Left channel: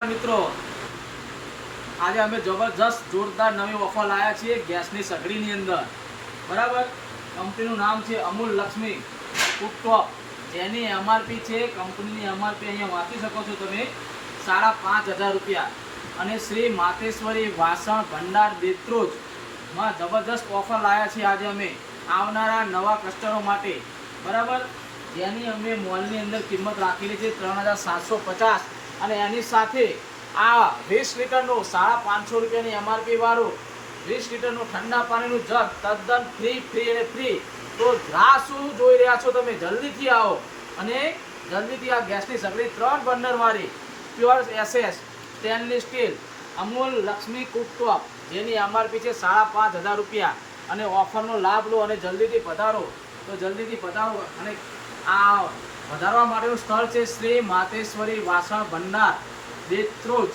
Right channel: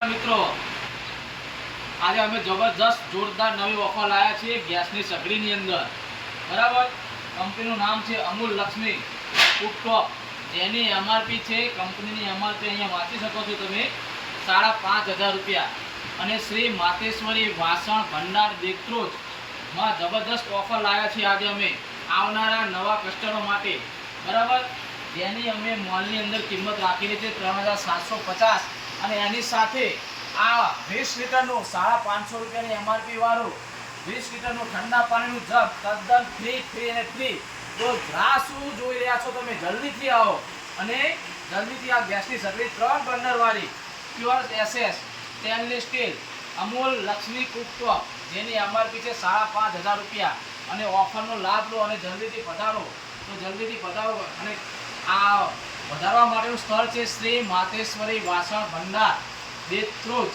મિત્રો આજે અમે જબરજસ્ત જોરદાર નવી ઓફર લાવ્યા છીએ ગેસની સગડીની અંદર બરાબર। કંપનીનું નામ છે અમૂલ લક્ષ્મી કુકટોપ, જેની એમઆરપી છે કંપનીની એમઆરપી અહીંયા વાંચી શકો છો તમે 5,500 રૂપિયા। અને શ્રી માતેશ્વરી વાસણ ભંડાર દેત્રોજમાં જબરજસ્ત ઓફર લાવ્યા છીએ આજે અમે આવનારા નવા કસ્ટમરો માટે બરાબર, જેની અમે મોલની અંદર કિંમત રાખેલી છે 3,750 અને એની સાથે આ 20 લીટરનું 550 રૂપિયાની એમઆરપી વાળું 20 લીટરનું ઠંડા પાણીનું જગ તદ્દન ફ્રી। તો રાહ શું જોઈ રહ્યા છો તમે? જલ્દીથી આવો અને જલ્દીથી આ ગેસની સગડી 3 બર્નર વાળી pure SS stainless steel Amul Lakshmi cooktop, જેની એમઆરપી છે 5,500 રૂપિયા અને ઓફરનો લાભ લો અને જલ્દીથી પધારો। તો જલ્દીથી પધારો અને આ વધારવા માટેનું સ્થળ છે શ્રી માતેશ્વરી વાસણ ભંડાર દેત્રોજ।